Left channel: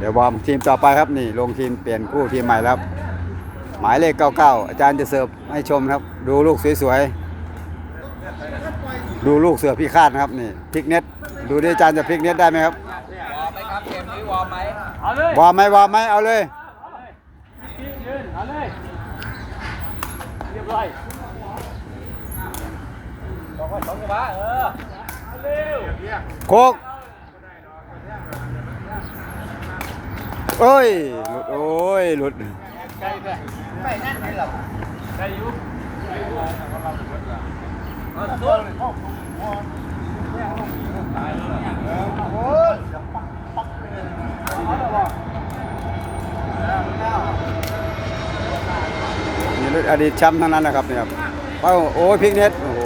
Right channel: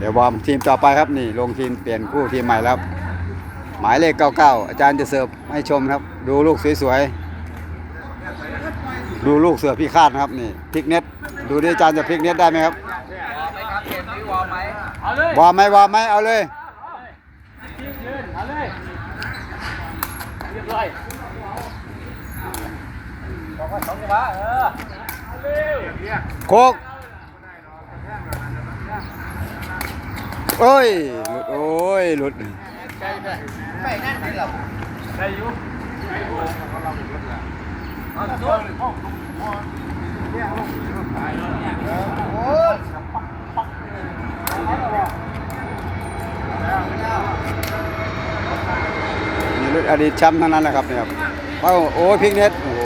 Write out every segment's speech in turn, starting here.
เดี๋ยววอร์มทีมต่อไปครับนี่ลงทีมเปลี่ยนคู่ทีมใหม่แล้วครับหมายเลข 99 อาจารย์จะเสิร์ฟให้ชมครับ ดูลูกสวยๆ ดูลูกเสือพี่คาดนะครับนี่พลิกเน็ต ดูดิอาจารย์จะพลิกเน็ตได้ไหมครับเอาเลยวอร์มไหมวอร์มไหมเอาเลยยืนเอาเลยเรียบร้อยบอกว่าสองจังหวะเออเอาเร็วโคก โอ้ย หลุด โอ้ย หลุดไกลไปไปนั่นไหนเราไกลอยู่เอาต้นโอ้ยนี่รุ่นอดีตแชมป์ทั้งนั้นแหละครับเนี่ยครับเอ้าโอ้ยพิกเน็ตโอ้โห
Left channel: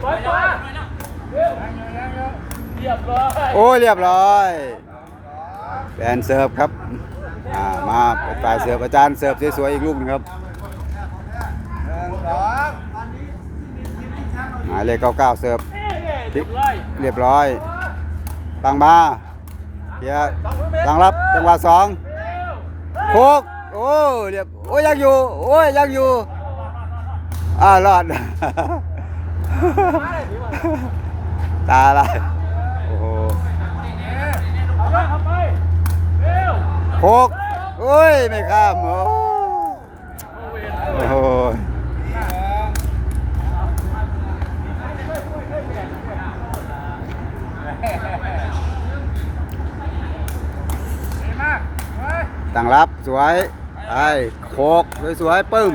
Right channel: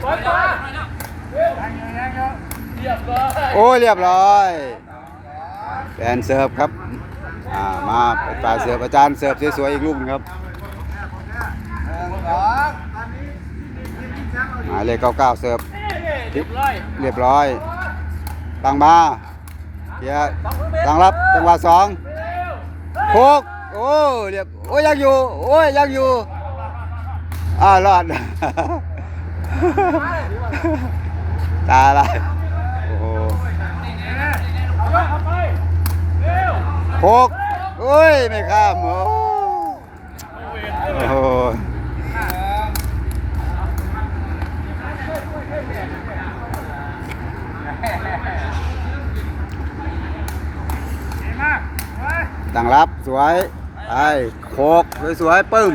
ไปไปเรียบร้อย โอ้ยเรียบร้อยแฟนเสิร์ฟครับอ่ามาเป็นฝ่าเสิร์ฟอาจารย์เสิร์ฟสวยๆอีกลูกหนึงครับหมายเลข99เสิร์ฟพลิร้อยเรียบร้อยตั้งมาเกียร์ตั้งรับจังหวะสองโคกโอ้เรียบโอ้ยยังอยู่โอ้ยยังอยู่อ่ารอดตาอะไร เอาไปเอาไปเร็วโคกโอ้ย ไม่ข้ามโอ้โหตั้งรับสวยไอ้โคกสวยๆปึ้ม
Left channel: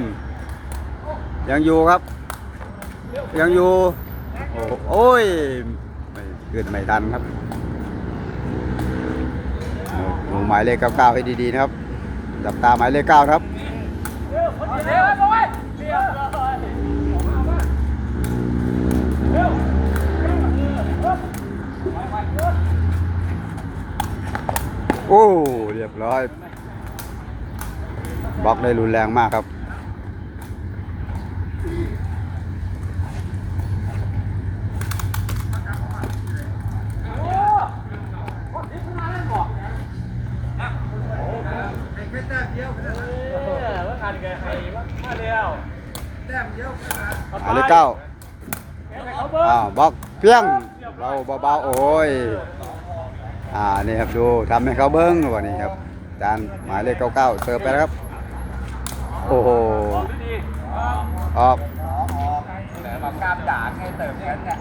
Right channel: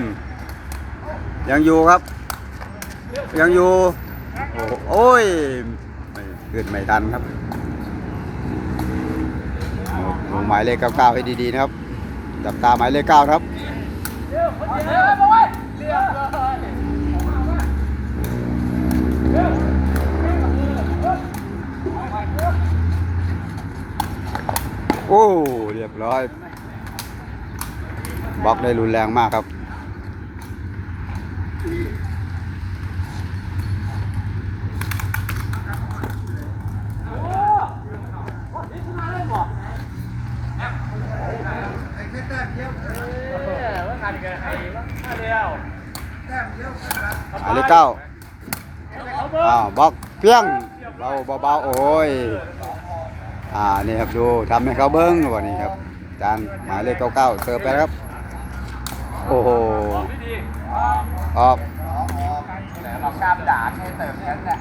ยังอยู่ครับ ยังอยู่ โอ้ยไม่ขึ้นไม่ทันครับ หมายเลข99ให้ดีๆนะครับจับตาหมายเลข9ครับเร็วเร็วเอาไว้เร็วเร็วโอ้เรียบร้อยบล็อกได้รุนแรงมากครับ ว่างานแกให้มาเร็ว หมายเลขเก้าเขาเบิ้งอ้าวบล็อกเพียงเราเบาๆโอ้ยอ่านี่ครับดูทำให้เขาเบิ้งวันนี้ครับอาจานหมายเลข99เสิร์ฟไปแล้วครับ โอ้โหดีออกเรากล้ามด่าแค่เติมแค่นั้นแหละ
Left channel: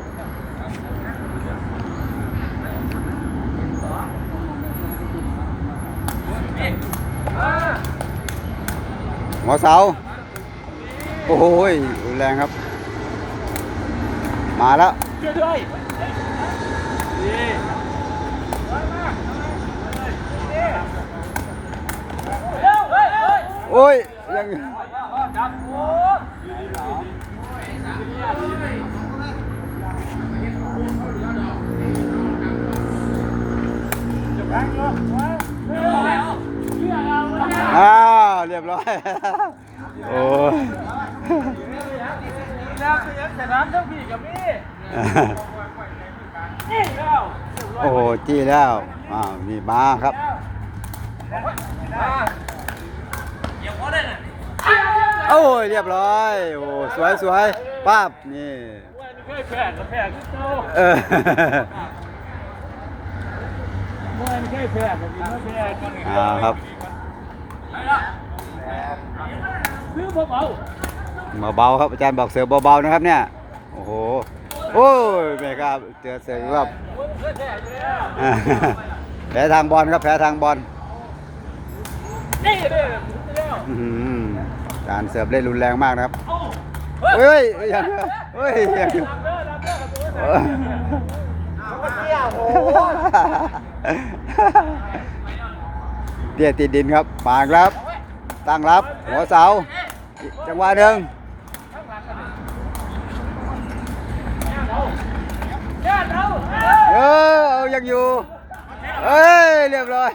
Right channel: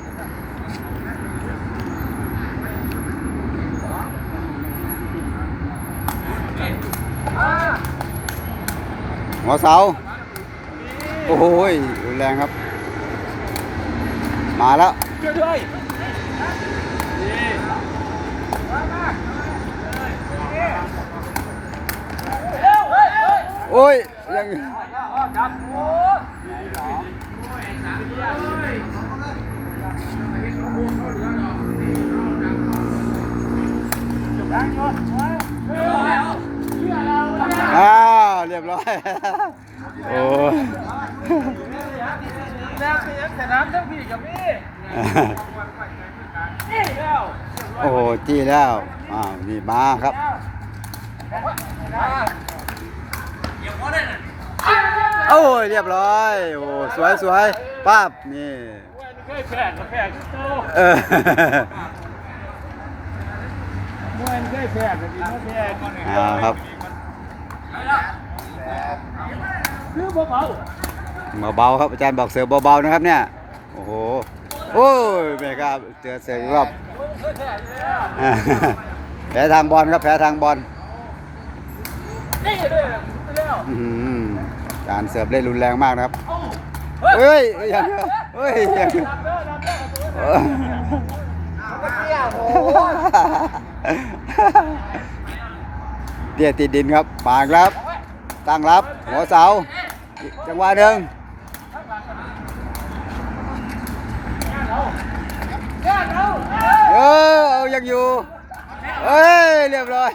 หัวเสา โอ้โหรุนแรงครับ มาแล้วช่วยด้วยดีโอ้ยยังครับโอ้เร็วเร็วเชื่อเราเลยอ้าวเรียบร้อย โอ้ย โอ้โหจี้แล้วอ้าวนี่มาครับมาเดี๋ยวพอได้น่ะโอ้ยเรียบร้อยโอ้สวยสวยป้าบนี่ว่านี่เคยแพ้กับแพ้ที่โตเออมวยนี่เคยแพ้กับกินเมื่อแพ้กินอ่าครับคือบ่เบา เบาๆครับอาจารย์บอกเสือเบาๆนะครับเนี่ยโอ้โหโอ้ยแม่ครับเจอเสืออีกรอบแพ้อยู่แล้วอ่าแพ้ทางบอลครับแพ้ทางบอลนี่เด้อแล้วอื้อหือการเสิร์ฟเล่นรุนแรงมากนะครับเอ้าเฮ้ยยังเฮ้ยยังดับเด้อดับเด้อกับตัวเตี้ยเตี้ยติดดินครับปากรับ ตั้งรับ หัวเสา จังหวะหนึ่ง เออเอายังอยู่เอ้ยเรียบร้อย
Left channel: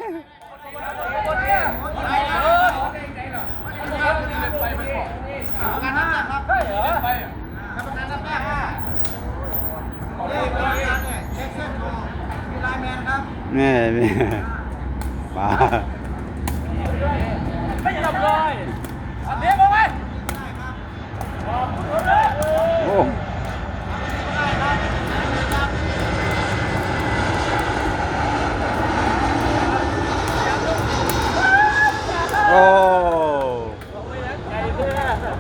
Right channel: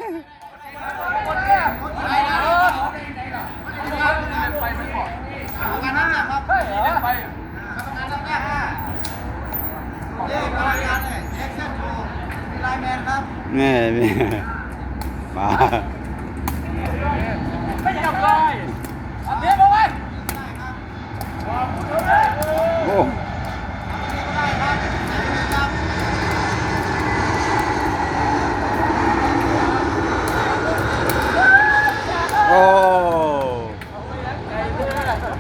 นี่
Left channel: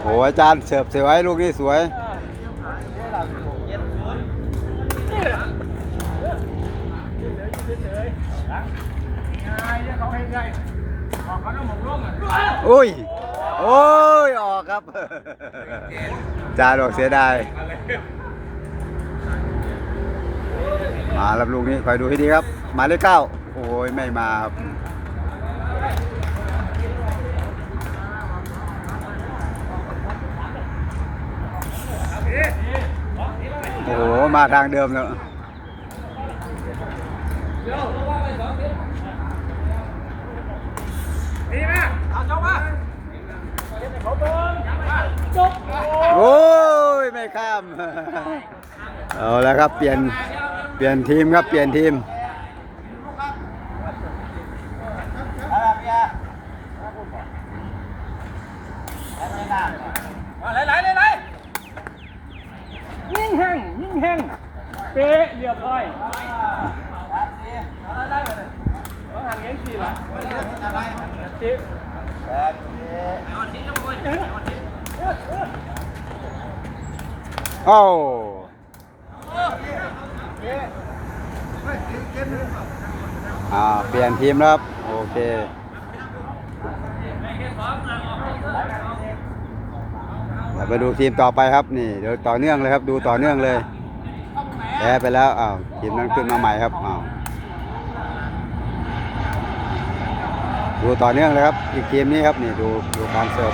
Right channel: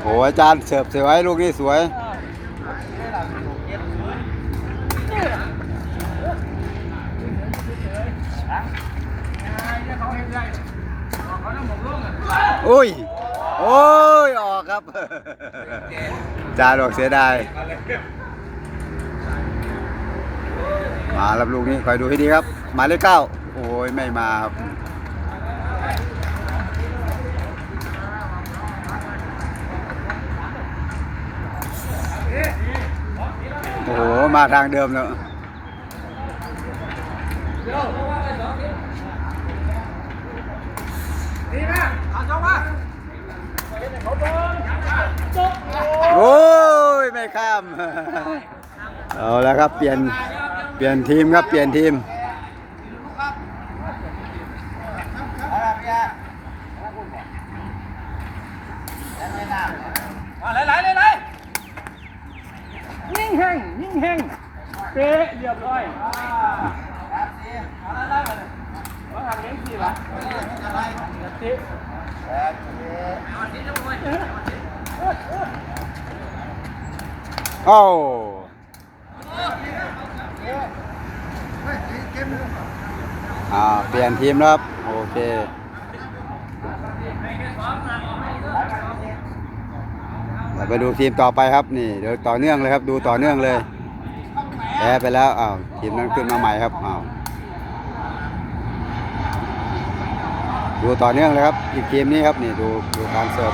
โหอาจารย์เสิร์ฟสวยลูกนี้สวยอุ้ย โอ้ย ออกครับจานออกเสียดาย มารับลูกนี้คอยดูให้ดีครับ หมายเลขเก้า โอ้ย ไม่มาครับ โอ้โห มาทางเดิมแล้ว โอ้ย ไม่ข้าม เอาแล้วครับ เปลี่ยน เปลี่ยนทีมครับ เปลี่ยนทีมมาไหลไหลไหลไหลยิ่งแห้งยิ่ง แห้งเป๊ะเรียบร้อยอะไรได้มาเลยว่าหันเงี้ยสี่ละเจ๊โอ้อ่าเปลี่ยนทีมแล้วครับ โอเคเดี๋ยวไปดูทีมต่อไปครับนี่เดี๋ยวต่อเนื่องเลยครับ ดูต่อเนื่องเลย แพ้ไปแล้วอ้าวทีมนั้นขึ้นมาใหม่ครับอ้าวดูต่อเนื่องเลยครับอีกทีมนี้ครับนี่ดูดูการเสิร์ฟ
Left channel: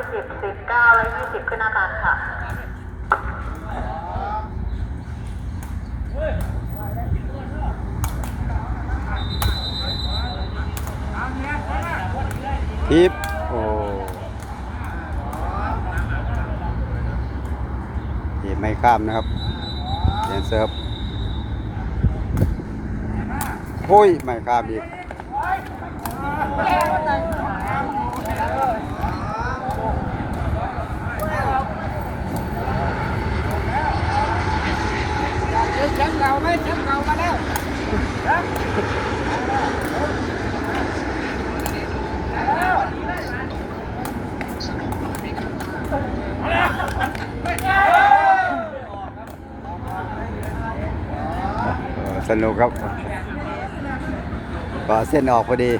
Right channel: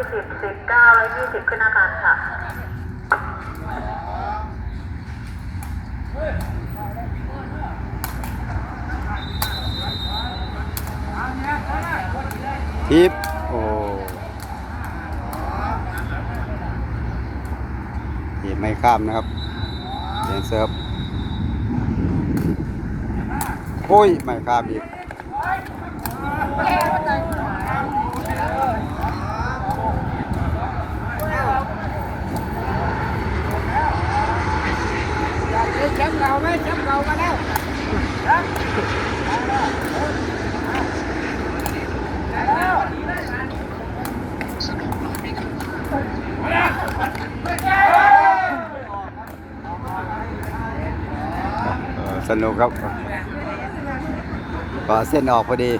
19และ20 19และ20ขึ้นอาคารค่ะทิปโอ้ทีไม่ข้ามนะครับเลียนเซิร์ฟโอ้ย ไม่ข้ามอีก เออสนุกครับก็เส้นออกพอดี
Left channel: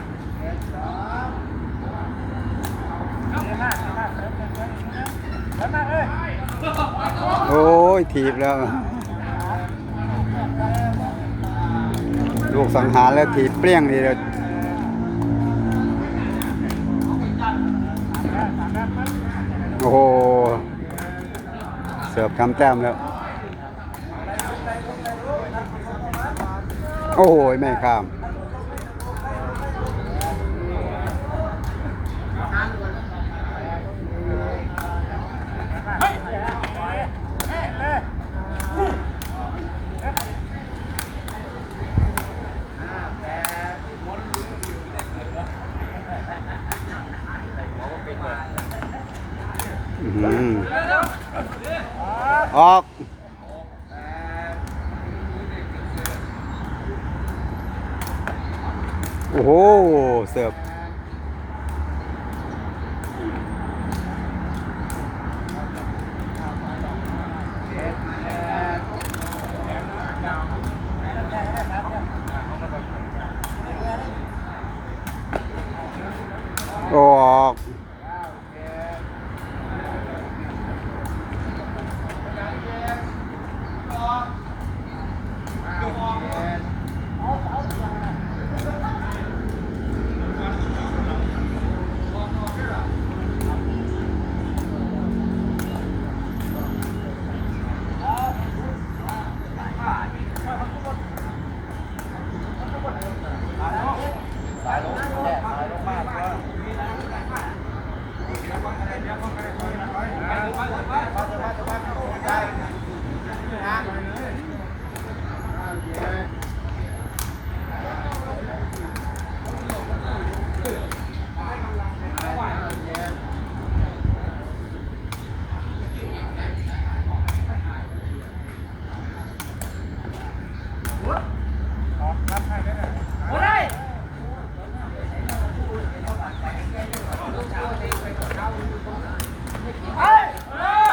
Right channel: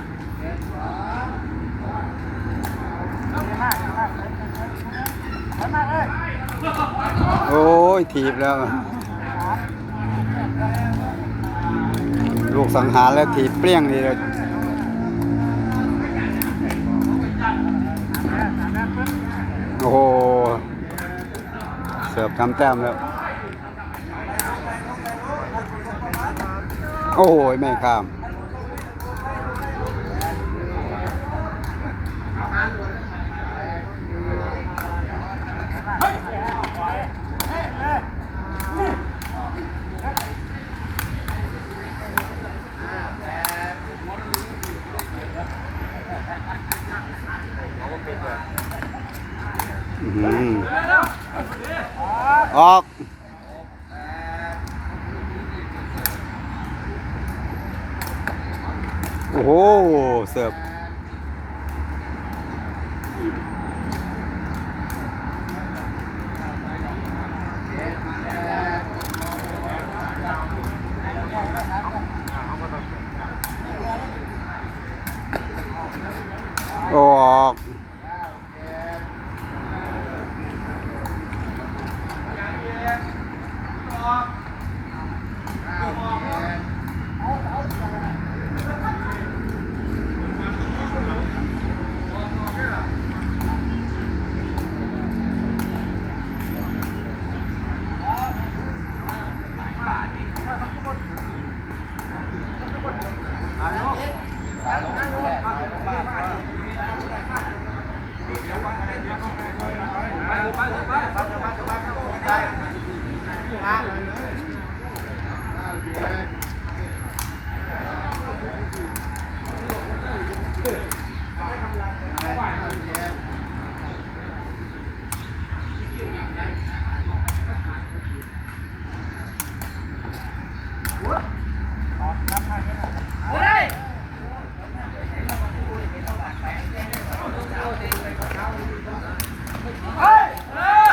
โอ้ย ถีบแล้ว ลูกสังหารแล้วถีเปรี้ยงนี่เลยโอ้โห เสิร์ฟทำแต้มแล้ว โอ้ยไม่ข้าม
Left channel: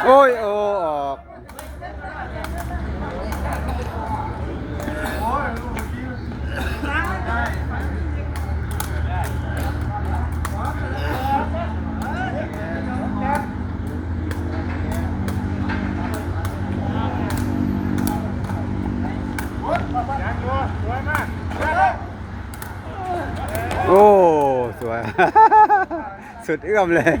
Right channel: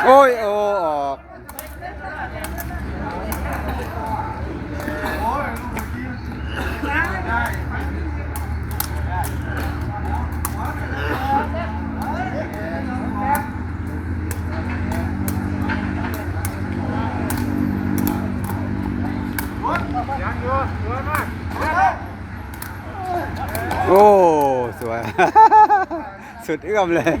โอ้ โอ้ สวย สุดเอื้อมเลย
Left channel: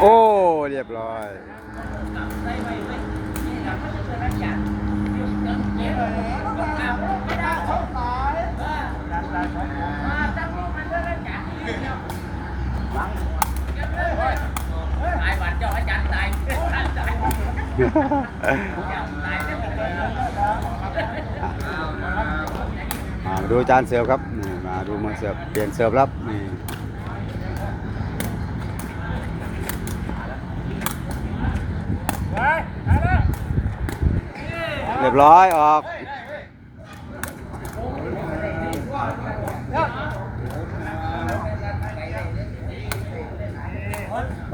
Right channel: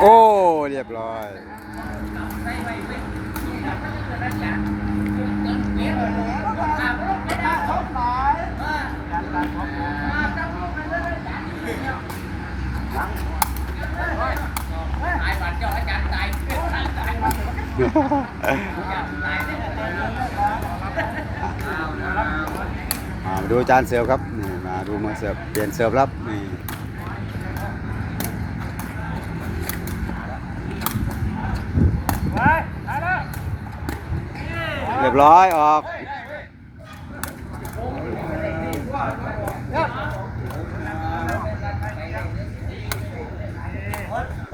โอ้ เรียบร้อยตายวานเจ้าอาจารย์ตาย มาดูจานเสิร์ฟครับนี่มาดูมือเสิร์ฟเปลี่ยนเสิร์ฟรับนี่เรียบร้อยออก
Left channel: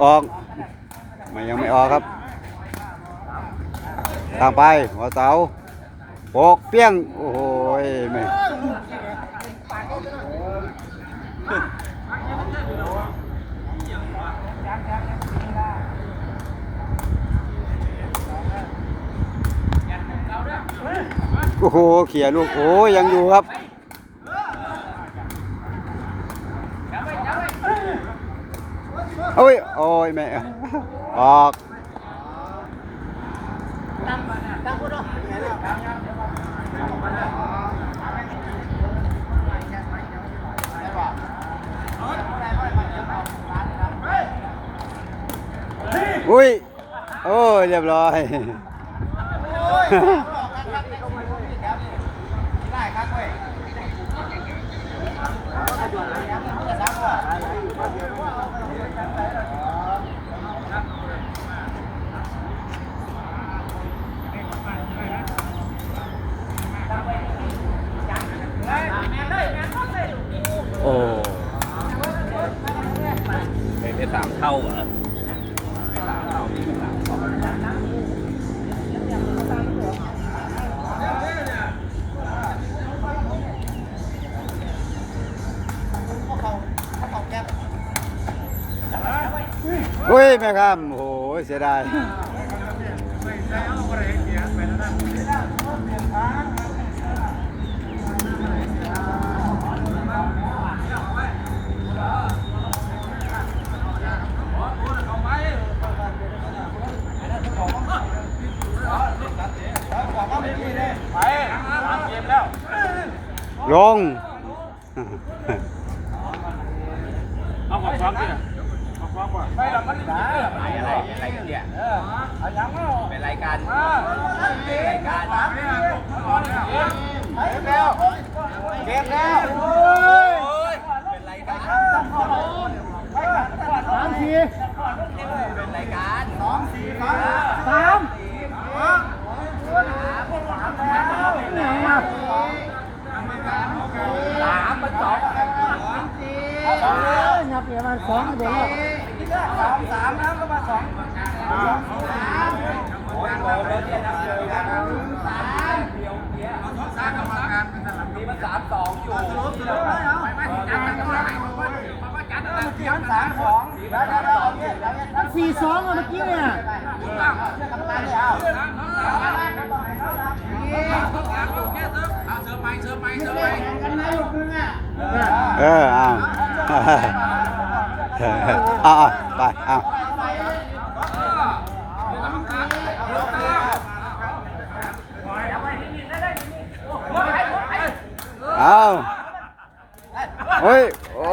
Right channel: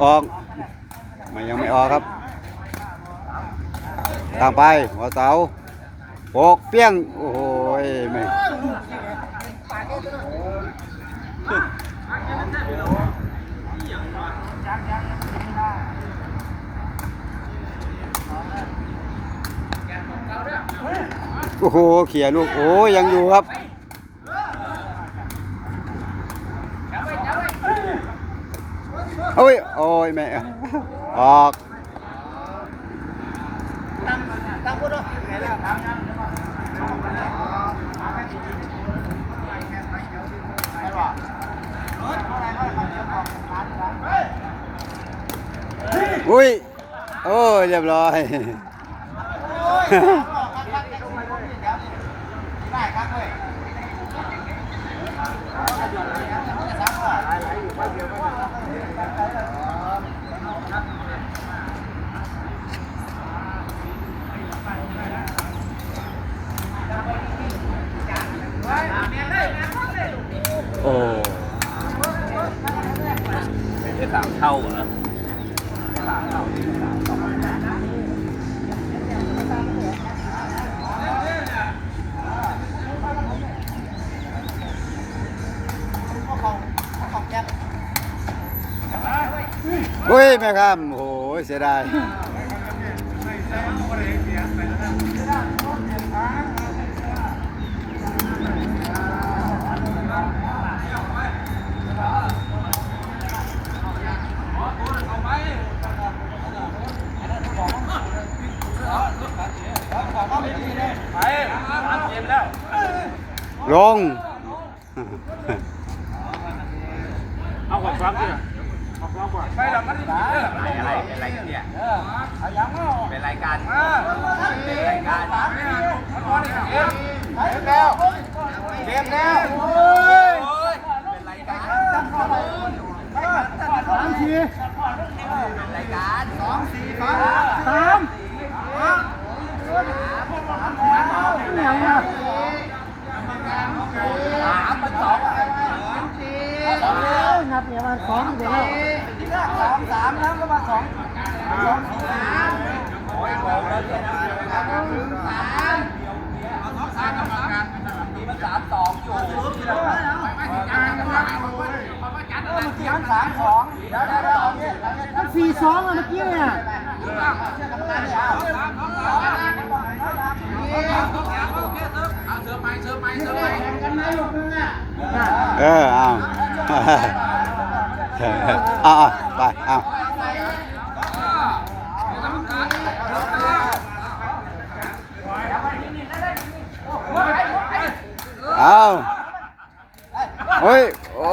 ออกมันยังไม่ออกครับ ทางไปหัวเสาโปกเปี้ยง โอ้โหไม่โอ้โหเขี่ยลูก โอ้ยยังอยู่ครับโอ้ย โอ้ยแม่ออก อุ้ย โอ้ยเรียบร้อย โอ้ เป็นได้ สามเท่าเหรออุ้ยแม่ครับโอ้โหเสียดายไม่ใช่เอาอะไรเสียไปแล้วนะ ลงเอาขอฟ้องดิขอฟ้องก่อนไปแล้วมันด่าอะไรอะไรเนี่ยเออเอายังเอาเป็นรายการรายการสามเนี่ยแล้วเกมแล้วโอ้ยเป็นรายการสองทีรายการสองสี่สามสามยังมาสามเป็นสอง นับเนี่ยมันสองเดี๋ยว ที่แรกสองสามแล้วก็มาสองสองสามกรรมการเป็นหลังมีมาสามสองอยู่สรุปสรุปได้เหรอการกรรมการเมื่อกี้หันสามสองเดี๋ยวเดี๋ยวเอาเนี่ย มันสี่สองเมื่อกี้เนี่ย เชื่อกรรมการเลยเอาเสือไป เอเอเอาเอาเอาไปเอาเอาเฮ้ยโอ้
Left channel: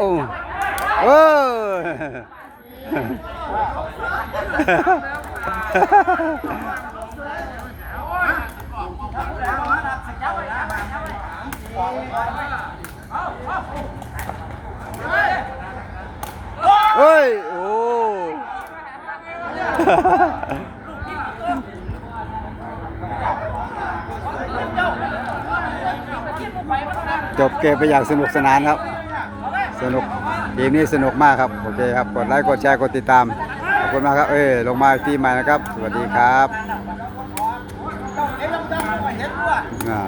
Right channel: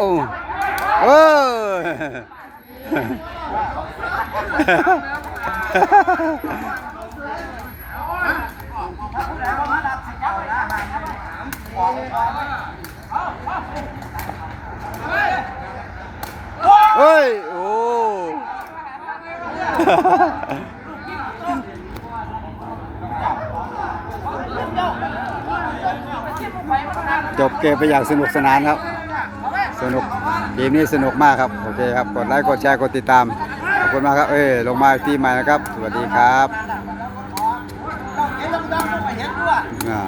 เออ เฮ้ย โอ้ จบเกมไปอย่างสนุกสนานครับ สนุกเกมนี้สนุกมากครับ โอเคครับ กดไลค์กดแชร์กดติดตาม ขอบคุณมากครับ เอ้ย ลงมาที่ใหม่นะครับ สวัสดีครับอ่า